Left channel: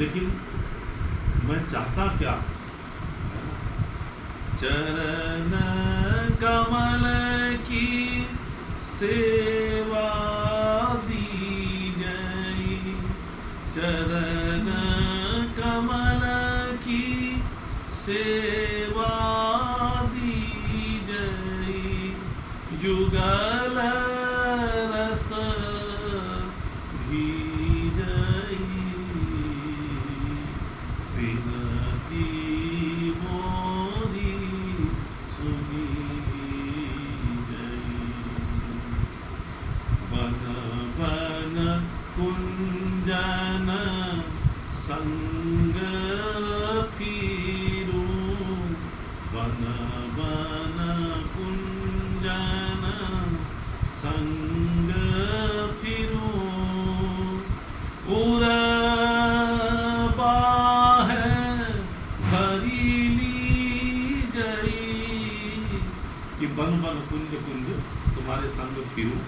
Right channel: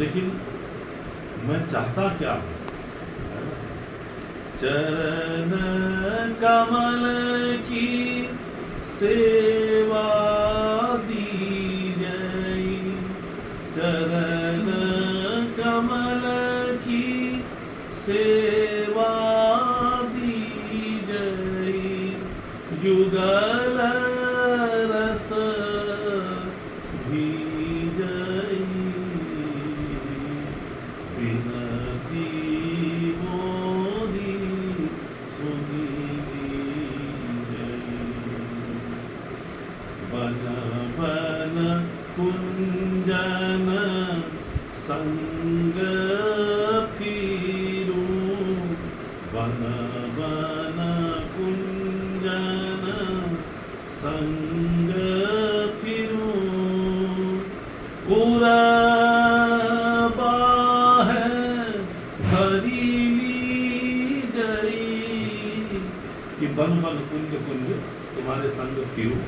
लेकिन मैं चाहता क्या, चरण कमल की सेवा दी जय, चरण कमल की सेवा दी जय, युगल रस भी जय, विनती मोरी सुनी जय, बन बन कुंजन संग फिरू, बन बन कुंजन संग फिरू, कि बन बन कुंज कुंज तुम्हारे संग फिरूं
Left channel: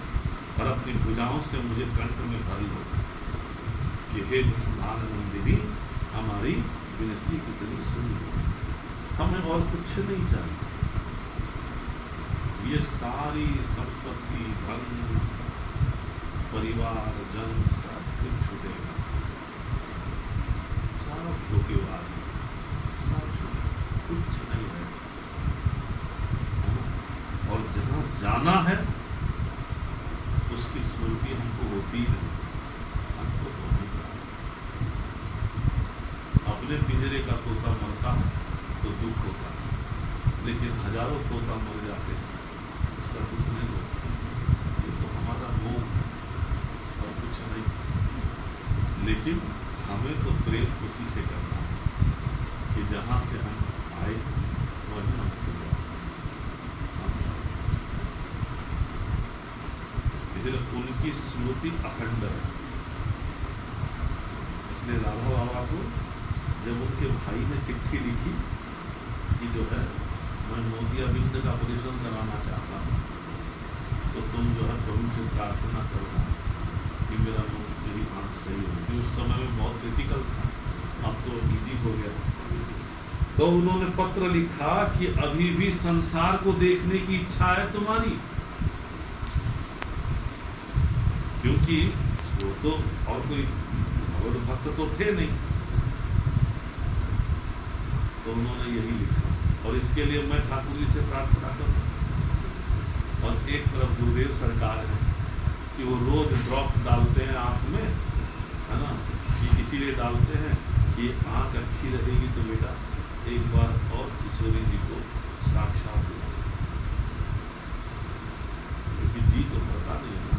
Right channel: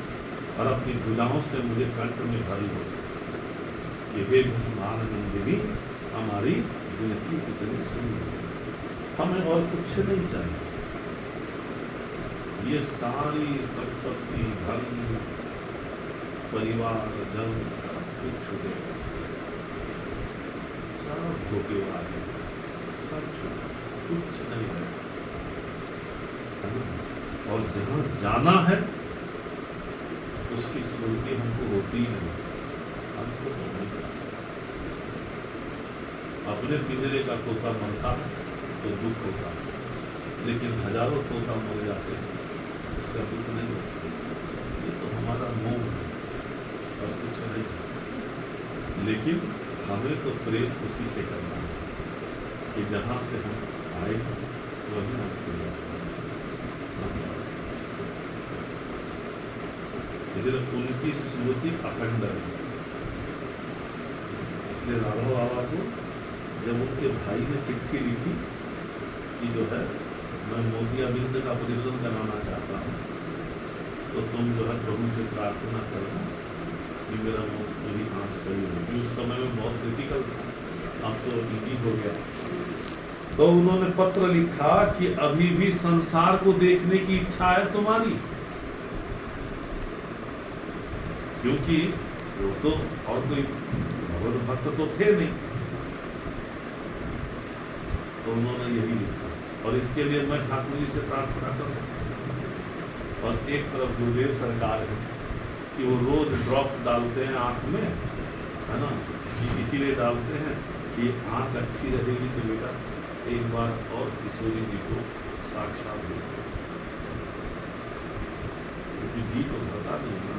और अपनी भुजाओं से मुझे कंठ में भर लो। ये हे भीष्मानंदिनी हमारी विनती कितनी सुन, हमें और कुछ नहीं चाहिए। ये सारी संपत्ति, धन, परिवार, जन सब कुछ छूटेगा, सब धोखेबाज, सब कुछ नहीं है। और जहां जाना है उसकी स्मृति हमको होती है, हमको तो नहीं जाना। अपने पिंजरे का तोता मरता है तो दुख होता है, लेकिन हजारों तोता मर जाते हैं उसका दुख नहीं होता। ये तो हमारा मोह और कुछ नहीं। लेकिन हमें तो प्रेम उसी से करना है कि जहां से हम आए वहीं हम भूल जाते हैं। इसलिए उनकी स्मृति अखंड है। इसलिए राधा बाबा को जब उनके भाई ने चिट्ठी लिखी कि जो है मैं मोतियाबिंद का ऑपरेशन कराना चाहता हूँ, तो तुम जो है प्रभु से प्रार्थना करना कि मेरी आँख सही होगी। उस समय में बहुत क्रिटिकल था, अब तो इजी हो गया। तो उन्होंने पत्र लिखा कि अभी भी संसार को देखने की इच्छा है तुम्हारी, क्योंकि वो तो और कोई भगवत भक्त तो थे नहीं। तो उन्होंने यही लिखा और इसके लिए मैं ठाकुर जी से प्रार्थना करूं। और एक तरफ गुरुदेव सरकार है कि वो रोज ड्रॉप डालते हैं आंख में, है ना, कि इसीलिए डालते हैं कि आंख अच्छी रहेगी तो बेटा एक बार और किशोरी जी को साक्षात देखो, क्योंकि जी तो पता नहीं है ना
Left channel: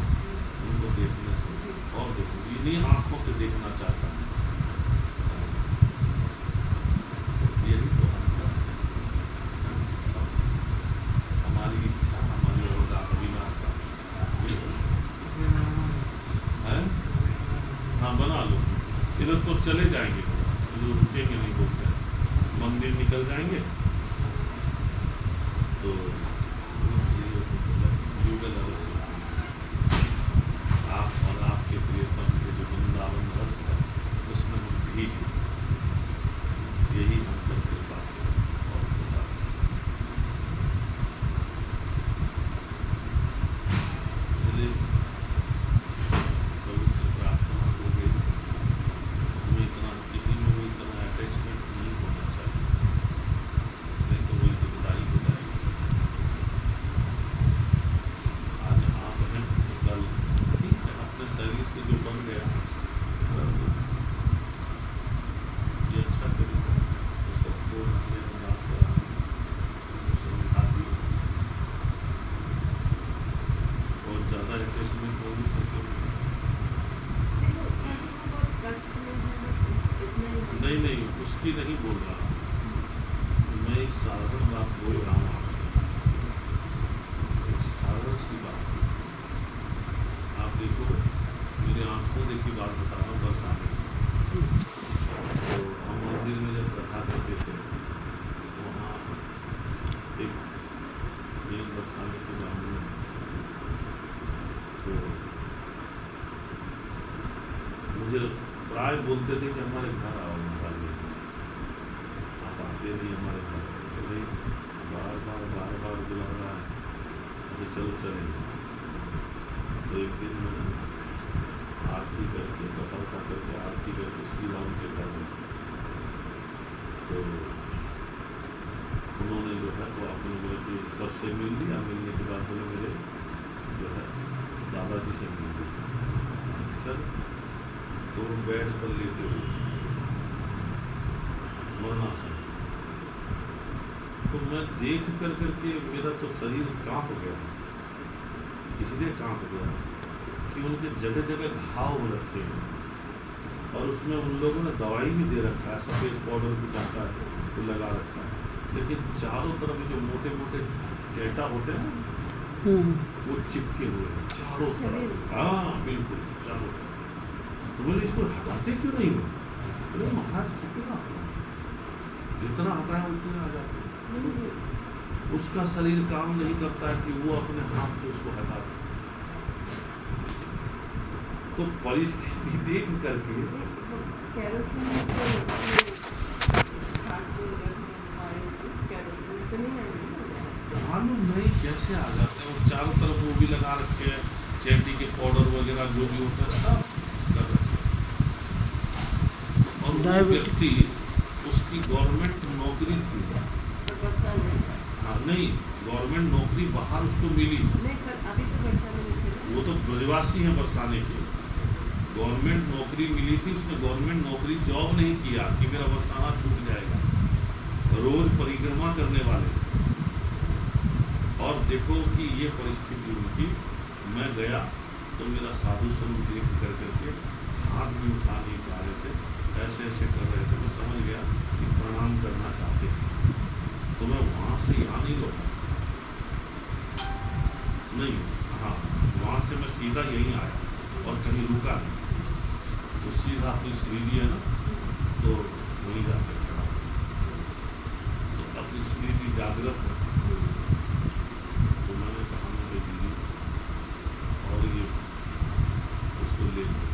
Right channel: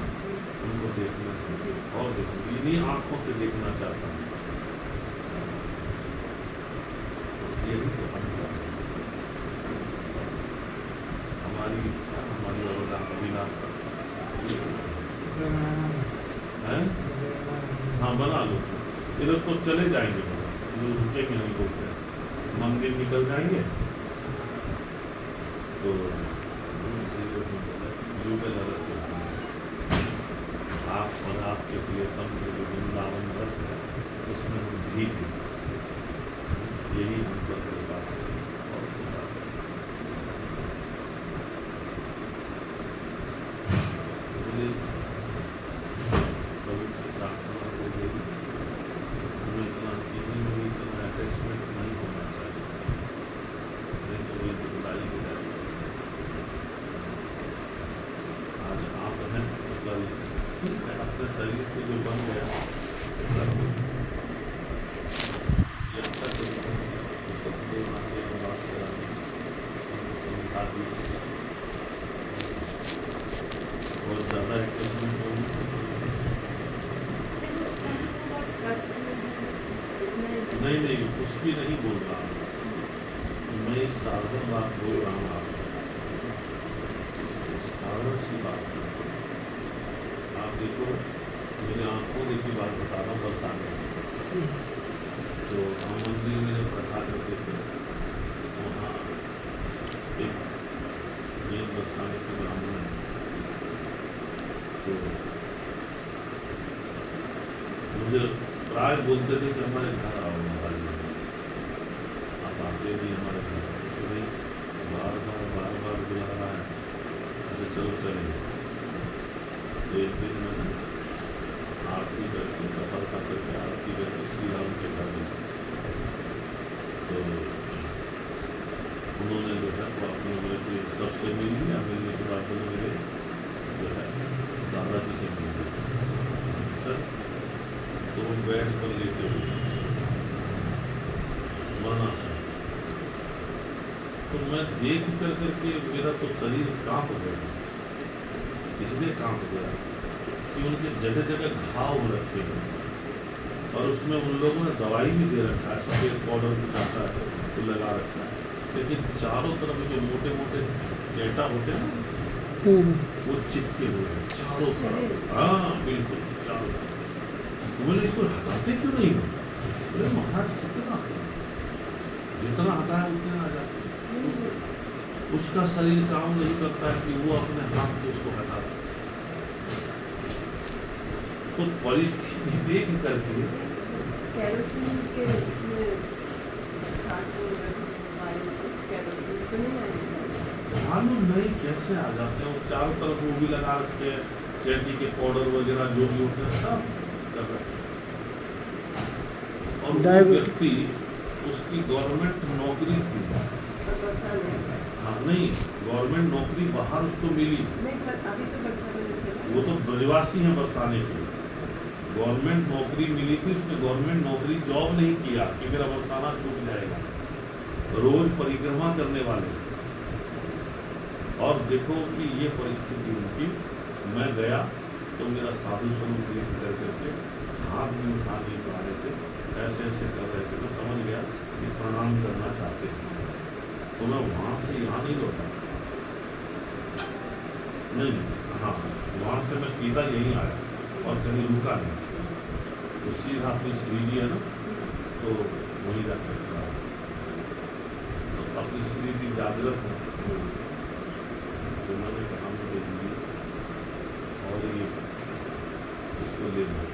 उनको देखने से, और देखो इन्हीं आंखों से देखना चाहता है। यही तो हम हमारी इच्छा, हमारी अभिलाषा है। हाँ बना लो, इधर तो चले जाएंगे, इधर रुकेंगे नहीं, बोलते मंदिर निकल जाएंगे तो युगल रस आप और आपके प्रियतम के जो वृंदावन रस है उसमें हम भीज, यही हम पर कृपा और कृपा। प्रभु से प्रार्थना को हमें इतना किसी में भी इतना अटैचमेंट नहीं होना चाहिए, नहीं तो वही दुखदाई हो जाए। आज आप हैं कल अपने शरीर से जो बन गया और ज़्यादा अटैचमेंट नहीं उसकी नहीं बोल रहा, मैं एक साधारण बात बोल रहा हूँ आपको, साधारण सी बात। आप देखो मेरे आंखों की बात बता रहा हूँ, बरसा में तो हम मंदिर में जब कथा करते थे तो वहाँ एक नींद बताने के ब्राह्मण है, तो मुझे प्राय बोलते थे कि हमारे घर आओ महाराज जी, आप आते नहीं हमारे घर। तो भाई बार बार बुला रहा है, अरे चलो चलेंगे। तो एक दिन मैंने आरती करके कथा करके आरती करके श्री राम के घर गया। तो उन्होंने जो है वो अपने मेरे सबसे मिल लिया। मिलने के बाद बोले मेरे जो है दादाजी से मिल लिया। सर तो बेड पर लेटे हुए मरणासन। तो मैं देख करके मेरा तो शरीर कांप गया। इसलिए कांप गया कि उनके जगह जगह घाव रखे हैं और उसमें उन लोगों ने दवाई भी दे रखा है, सफेद पाउडर कुछ आता है तो लगा रखा है, लेकिन चारों तरफ जो मोटे मोटे चेटा होते हैं वो चिपके हुए हैं चारों तरफ। हाँ बिल्कुल चारों तरफ। तो बोले इसको हटाते क्यों नहीं हो? बोले महाराज कितना जितना हटाए उतने आ जाते हैं। उसका शरीर काम नहीं करता है कि वो अपने हाथ से उसको हटा दे। तो परिस्थिति देख करके मालूम नहीं कैसे आ जाते हैं। चारों तरफ वो भी लगा रखे हैं, चेटी के पाउडर वगैरह जो भी होते हैं सब लग रखे हैं। और वो व्यक्ति उसकी गवर्नमेंट नौकरी थी। हाँ नहीं, गवर्नमेंट नौकरी बाहर उसको मिली। अभी तो बरसाने वो तो ब्रजवासी हैं बरसाने के। गवर्नमेंट नौकरी मिली थी, उसने गवर्नमेंट नौकरी जॉब नहीं किया कि मेरा बरसाना छूट जाएगा। रोज परिक्रमा करने वाले। और देखो कि ये परिस्थिति उनकी। मैं गया तो मेरा साधु स्वरूप देख करके हाथ में उठा नहीं पा रहे थे, ऐसे ऐसे कर रहे थे। तो समझ गया कि प्रणाम करना चाहते हैं। तो मैं वहाँ से यहाँ नहीं लौटा, नहीं हाँ वहाँ से मैं सीधा यहीं आया और कहीं रुका नहीं। तो सीधा अपनी श्रीजी है ना, तो वहीं जाकर तो अपनी श्रीजी जागृत है। तो मैंने कहा मुझे दीजिए और ये उसको ले लो।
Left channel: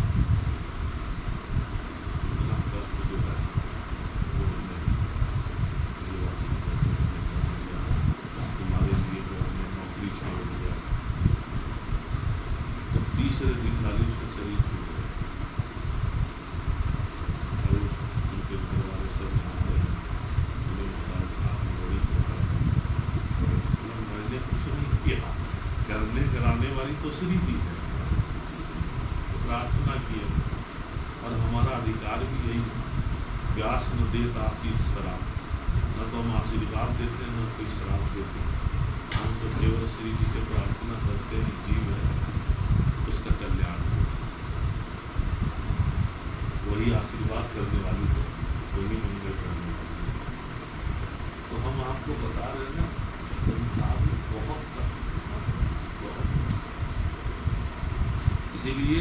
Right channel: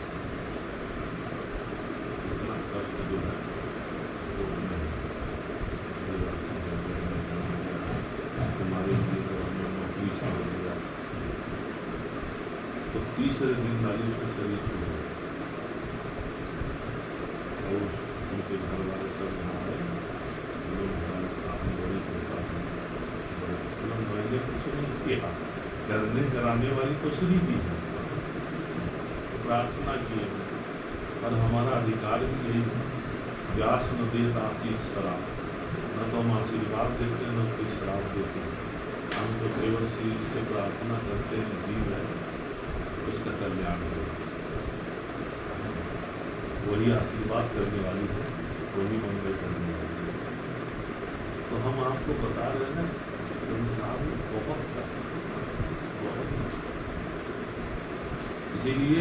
इतना कष्ट जो है वो तुम्हारे लिए जो हमने नौकरी छोड़ दिया। तो तीसरे दिन नाली उसका शरीर छोड़ गया और उनके घर वाले सब यहाँ आए। मैंने कुछ नहीं किया, करने कराने वाली तो श्री जी है। प्रार्थना की और हमारा अधिकार भी यही है। व्यास न देत आशीष शराब, न तो हम आशीर्वाद देते हैं न कोई शराब देते हैं। हम तो केवल श्री जी से प्रार्थना करते हैं, जीव है उसका कल्याण हो। वही आशीर्वाद करने वाली है, वही मंगल करने वाली है। तो हम आपको बता रहे हैं संसार में बहुत इसीलिए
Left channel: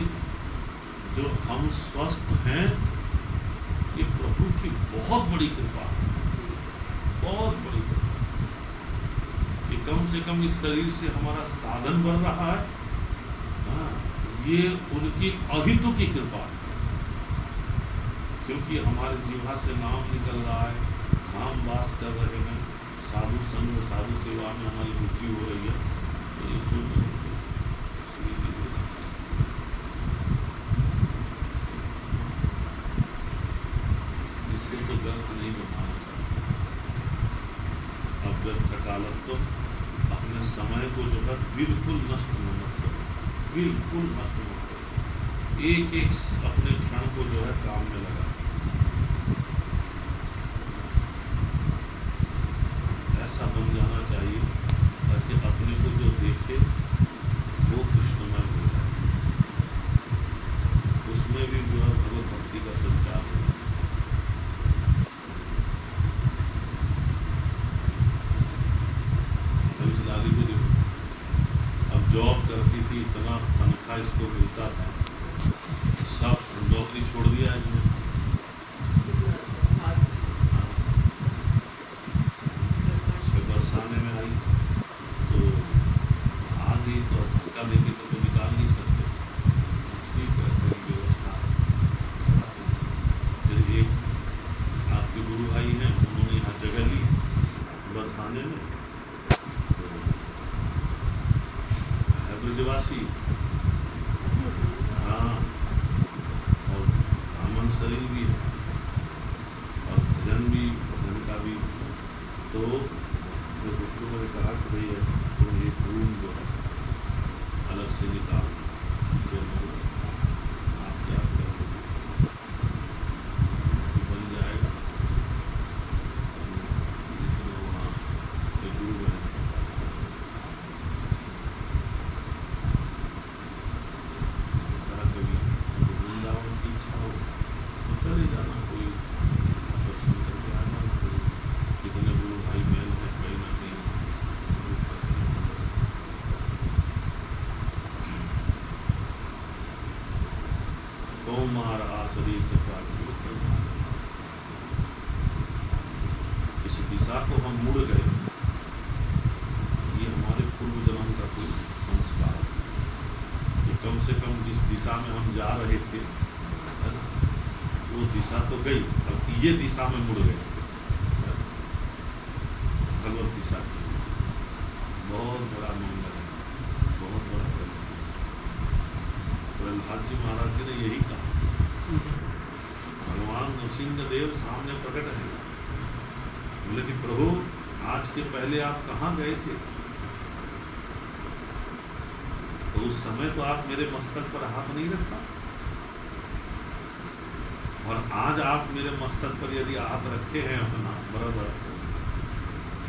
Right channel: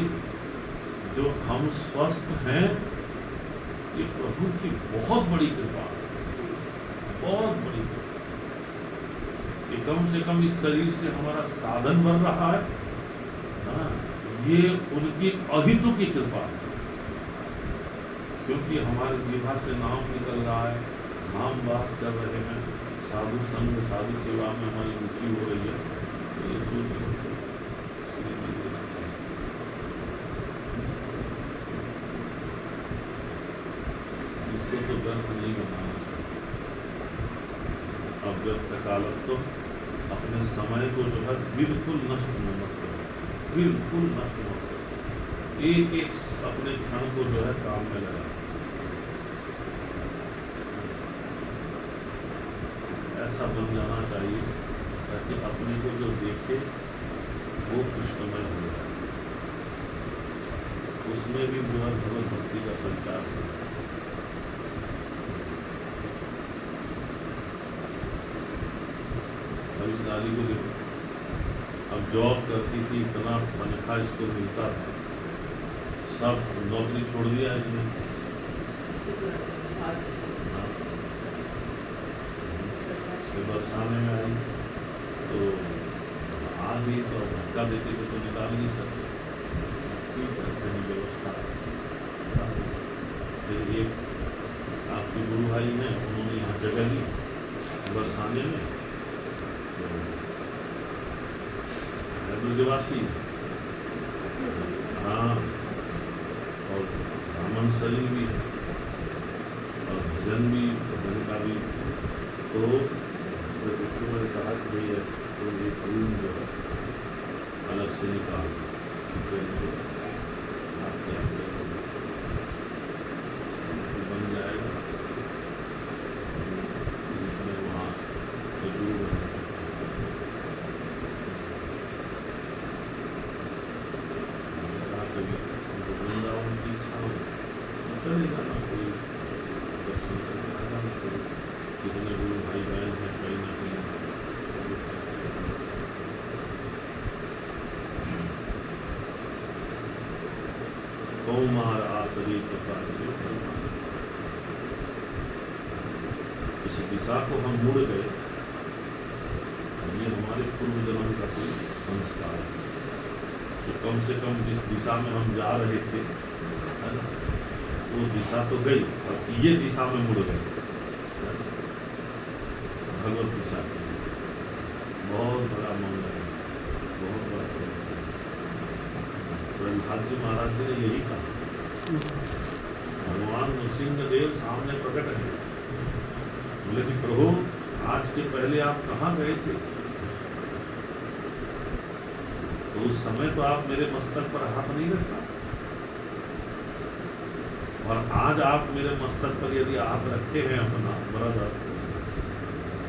जो हम स्वस्थ हैं ये प्रभु की बहुत बड़ी कृपा है, बहुत बड़ी कृपा। कि कम से कम इस शरीर से हमारा साधन बन रहा है। हाँ, ये उनकी अहितु की कृपा है। क्योंकि हमारी जीवा से नाम निकल रहा है, हम वास कर रहे हैं, साधु संग साधु सेवा में हमारी रुचि हो रही है। तो ये सोच श्री जी देना चाहिए। इसको तो व्यर्थ नहीं बनाना चाहिए। अब व्यर्थ कालक तो अपने समय को जो है बिल्कुल नष्ट मत करो, बिल्कुल नष्ट मत करो। एक एक अपने क्षण को जो है काम में लगा। ऐसा बन जाना चाहिए ताकि अपने को जो देखे वो कृष्णमय हो जाए, उसमें भी जो है भगवत भक्ति का संचार हो। अब इस नारी को देखो, अब जॉब करती थी, इतना तनख्वाह इसको मिलता था, सब नौकरी छोड़ दिया इसने। बरसाने में आई तो आ गई तो धक्का देते थे तो निकाल नहीं सकते। ठीक है, कोई व्यवस्था उदासी, अच्छी है तो। हाँ, और ब्राह्मण शरीर भी है, और भजन भी, भजन का भी। तो जब उसको मैंने कहा कि भाई ऐसे तो एक रूम जो है अलग से निकाल, जो मुझे आप क्या करेंगे, बन जाएगा। मैं वहाँ एक गुरु बना, कभी वृंदावन की इच्छा हो तो चले जाना, कोई दर्शन करके आना, तो कितने गुरु भाई बहन हैं कहीं ना कहीं। कौमार आचरित प्राच्य, इस दिशा को हम मुड़ गए, ये हमारे पूर्व जन्म का कोई संस्कार है कि कम से कम जिस दिशा में हम जा रहे थे, है ना, वो दिशा तो गई, अब ये दिशा में मुड़ गए, भगवत दिशा की। बहुत बड़ा मंगल है, बहुत बड़ा मंगल। प्रहलाद जी महाराज जी ने यही कहा, भगवान नृसिंहदेव सामने प्रकट है, बोले कि प्रभु आज के पहले आप कहाँ गए थे? तो उस समय तो आप मेरे मस्तक पर हाथ नहीं रखा, और आज आप मेरे मस्तक पर यदि आप रखे हैं अपना ब्रदर,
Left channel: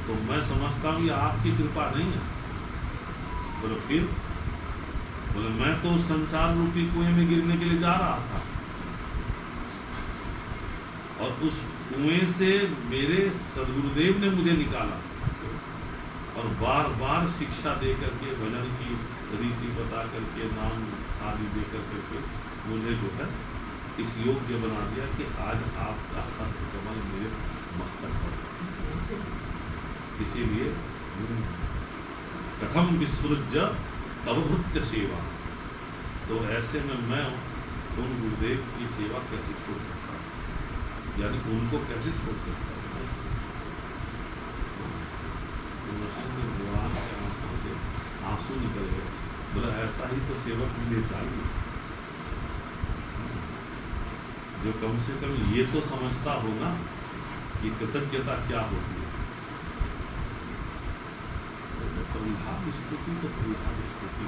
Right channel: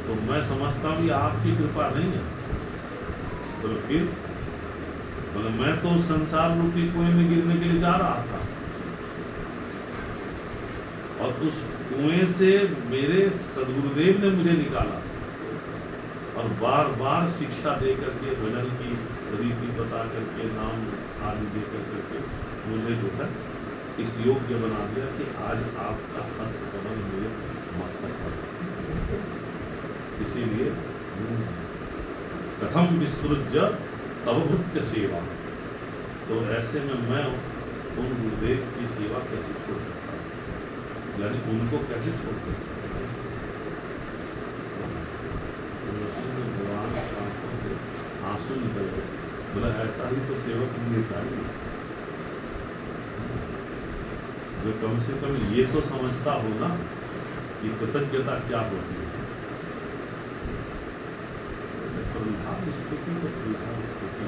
तो मैं समझता हूँ ये आपकी कृपा नहीं है। बोले फिर? बोले मैं तो उस संसार रूपी कुएं में गिरने के लिए जा रहा था, और उस कुएं से मेरे सदगुरुदेव ने मुझे निकाला, और बार बार शिक्षा दे करके, भजन की रीति बता करके, नाम आदि दे करके मुझे जो है इस योग्य बना दिया कि आज आपका हस्त कमल मेरे मस्तक पर। इसीलिए कथम विस्मृज्य तव भृत्य सेवा, तो ऐसे में मैं उन गुरुदेव की सेवा कैसे छोड़ सकता हूँ, यानी उनको कैसे छोड़ सकता हूँ। भगवान के आंखों से आंसू निकल गए, बोला ऐसा ही तो सेवक मुझे चाहिए, जो कम से कम ये तो समझता हो ना कि कृतज्ञता क्या होती है। प्रहलाद स्तुति तो प्रहलाद स्तुति,